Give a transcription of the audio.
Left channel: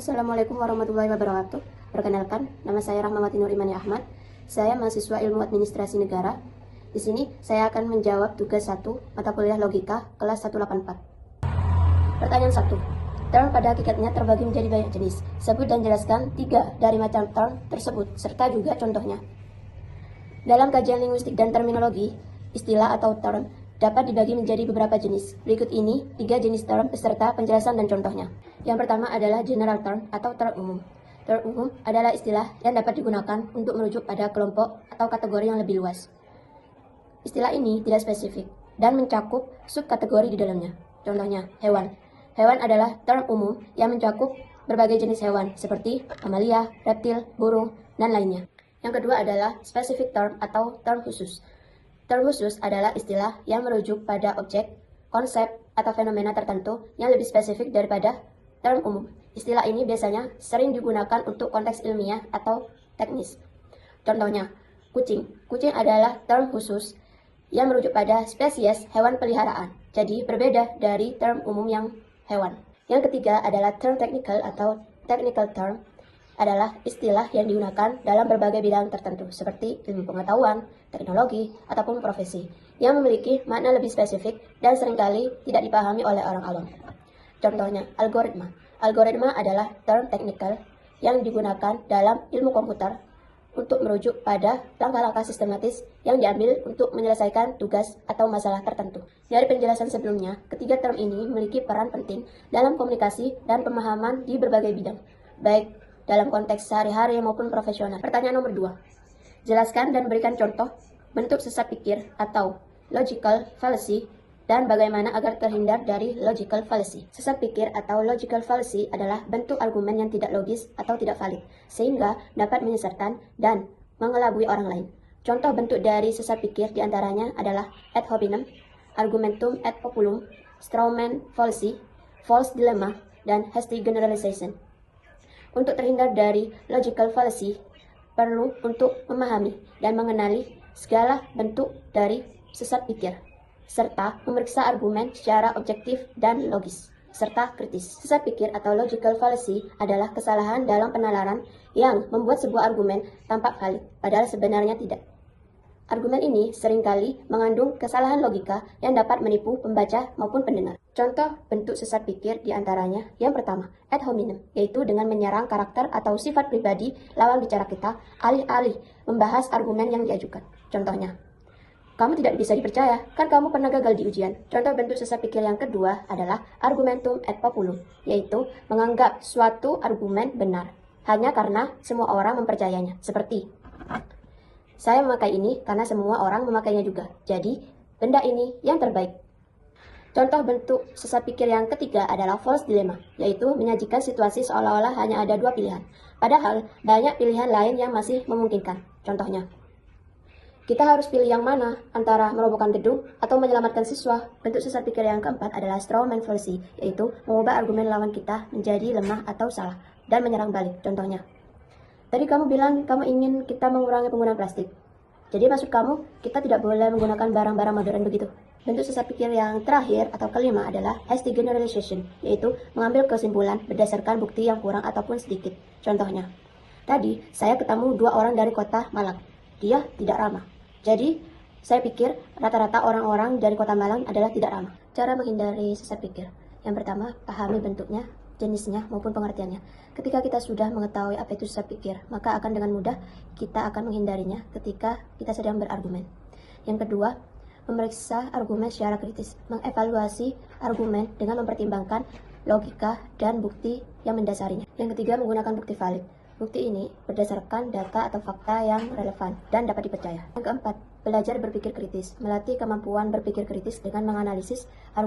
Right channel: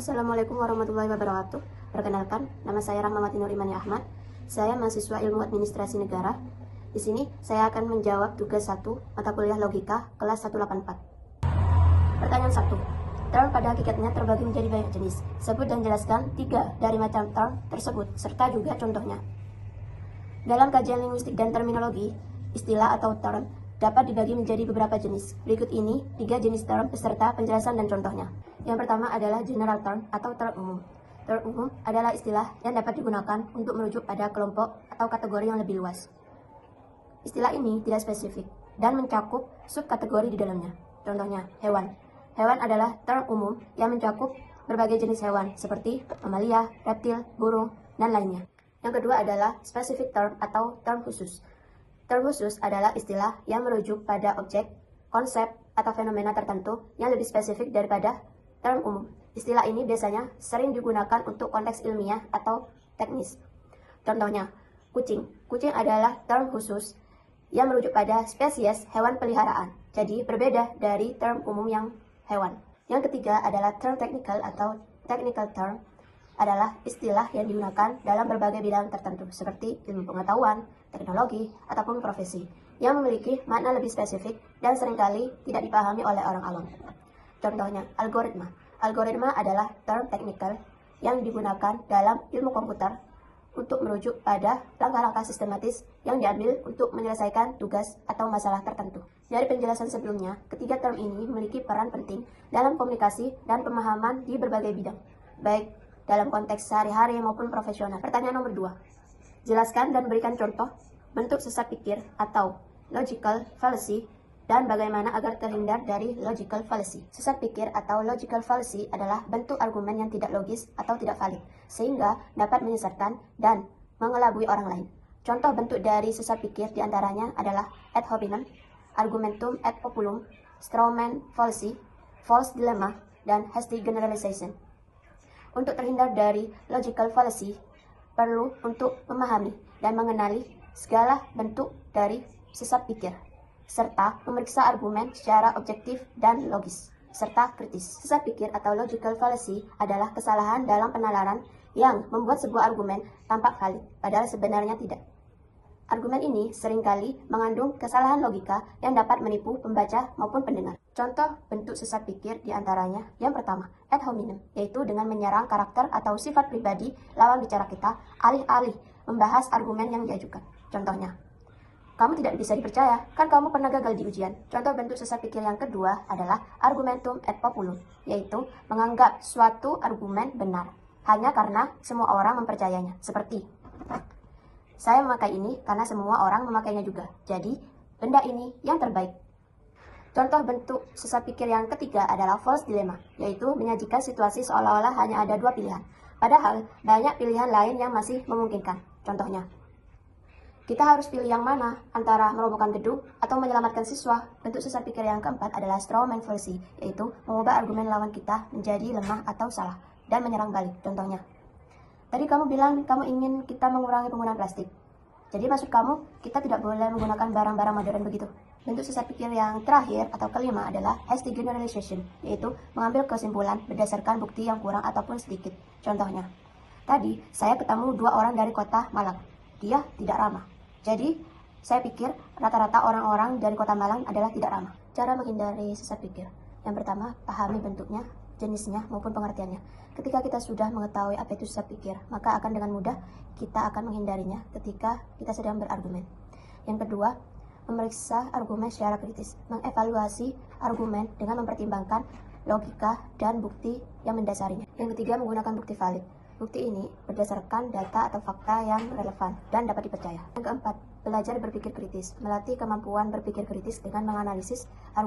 Assalamualaikum warahmatullahi wabarakatuh. Perkenalkan, nama saya Rahmawati Nur Imani Ahmad. Saya mahasiswa Ilmu Administrasi Negara. Di sini saya akan menjawab tugas 1 mata kuliah logika kelas 184. Pertanyaan 1. Term pada hakikatnya terbagi menjadi banyak jenis. Sebut dan jelaskan 3 dari macam term tersebut serta juga contohnya. Dalam kajian linguistik dan terminologi, istilah atau term dapat dibagi menjadi beberapa jenis. Berikut ini 3 jenis term beserta penjelasan dan contohnya. Yang pertama adalah general term atau term umum. Term umum adalah istilah yang dapat digunakan untuk merujuk pada kelompok atau kategori yang lebih luas. Istilah ini tidak spesifik dan mencakup subkategori di dalamnya. Contohnya, hewan. Hewan adalah term umum yang mencakup berbagai jenis hewan seperti mamalia, reptil, burung, dan lainnya. Yang kedua adalah specific term atau term khusus. Term khusus adalah istilah yang merujuk pada objek, konsep, atau fenomena tertentu yang lebih spesifik daripada term umum. Istilah ini biasanya sering digunakan untuk konteks ilmiah atau teknis. Contohnya, kucing. Kucing adalah term khusus yang merujuk pada spesies hewan peliharaan, jadi berbeda dari term umum yang hewan. Yang ketiga adalah term technical atau technical term adalah istilah yang digunakan dalam berbagai bidang tertentu seperti ilmu pengetahuan, teknologi, ataupun profesi yang memiliki makna lebih spesifik dan seringkali tidak dipahami oleh orang awam. Contohnya, algoritma. Algoritma adalah term teknikal yang digunakan dalam ilmu komputer untuk merujuk pada langkah-langkah sistematis yang diambil untuk menyelesaikan tugas atau masalah tertentu. Dari penjelasan sebelumnya, ketiga term ini memiliki peran penting dalam komunikasi dan pemahaman di berbagai bidang, baik dalam konteks sehari-hari maupun profesional. Pertanyaan nomor 2. Jelaskan dan berikan contoh bentuk sesat pikir atau logical fallacy dan bagaimana agar terhindar dari logical fallacy. Sesat pikir atau logical fallacy adalah bentuk argumen yang tidak logis atau tidak valid, sehingga dapat menyesatkan dan mengelabui orang lain. Contoh bentuk dari sesat pikir diantaranya adalah ad hominem, argumentum ad populum, strawman fallacy, false dilemma, dan hasty generalization. Untuk terhindar dari logical fallacy, perlu untuk memahami dan mengenali segala bentuk dari sesat pikir, serta memeriksa argumen secara objektif dan logis, serta kritis. Sesat pikir atau logical fallacy adalah kesalahan dalam penalaran yang membuat sebuah argumen tampak valid, padahal sebenarnya tidak. Argumen ini seringkali mengandung kesalahan logika yang dapat menipu pembaca maupun pendengar. Contoh bentuk sesat pikir diantaranya, yang pertama, ad hominem, yaitu dengan menyerang karakter atau sifat pribadi lawan bicara kita, alih-alih membahas argumen yang diajukan. Contohnya, kamu tidak bisa dipercaya, kan kamu pernah gagal di ujian. Contoh bentuk sesat pikir yang kedua adalah argumentum ad populum, yaitu menganggap suatu argumen benar, hanya karena semua orang mempercayainya, seperti saya memakai ini karena semua orang memakainya juga. Jadi, benda ini yang terbaik. Contoh bentuk sesat pikir yang ketiga adalah false dilemma, yaitu menyajikan situasi seolah-olah hanya ada 2 pilihan. Padahal, banyak pilihan lain yang masih memungkinkan. Contohnya, kita harus pilih yang mana antara merobohkan gedung atau menyelamatkan siswa. Bentuk sesat pikir yang keempat adalah strawman fallacy, yaitu mengubah argumen lawan kita menjadi lemah atau salah dan menyerang balik. Contohnya, tadi kamu bilang kamu ingin kita mengurangi penggunaan plastik. Jadi maksud kamu kita tidak boleh menggunakan barang-barang modern begitu? Bentuk sesat pikir yang terakhir atau kelima adalah hasty generalization, yaitu mengambil kesimpulan berdasarkan bukti yang kurang ataupun sedikit. Contohnya, tadi saya ketemu 2 orang dari kota Malang. Dia tidak ramah. Jadi saya pikir rata-rata orang-orang dari kota Malang adalah tidak ramah. Cara menghindari sesat pikir. Yang pertama, pahami bentuknya, jenisnya maupun pengertiannya. Ketika kita sudah mengetahui apa itu sesat pikir, maka akan dengan mudah kita akan menghindarinya ketika kita sedang berargumen. Yang kedua, memeriksa argumen secara kritis, mengevaluasi argumen dengan mempertimbangkan logika dan bukti yang mendasarinya. Yang ketiga, menggunakan bukti valid. Bukti ini berdasarkan data atau fakta yang relevan dan dapat dipercaya. Yang keempat, belajar berpikir kritis, melatih kemampuan berpikir kritis dengan menganalisis argumen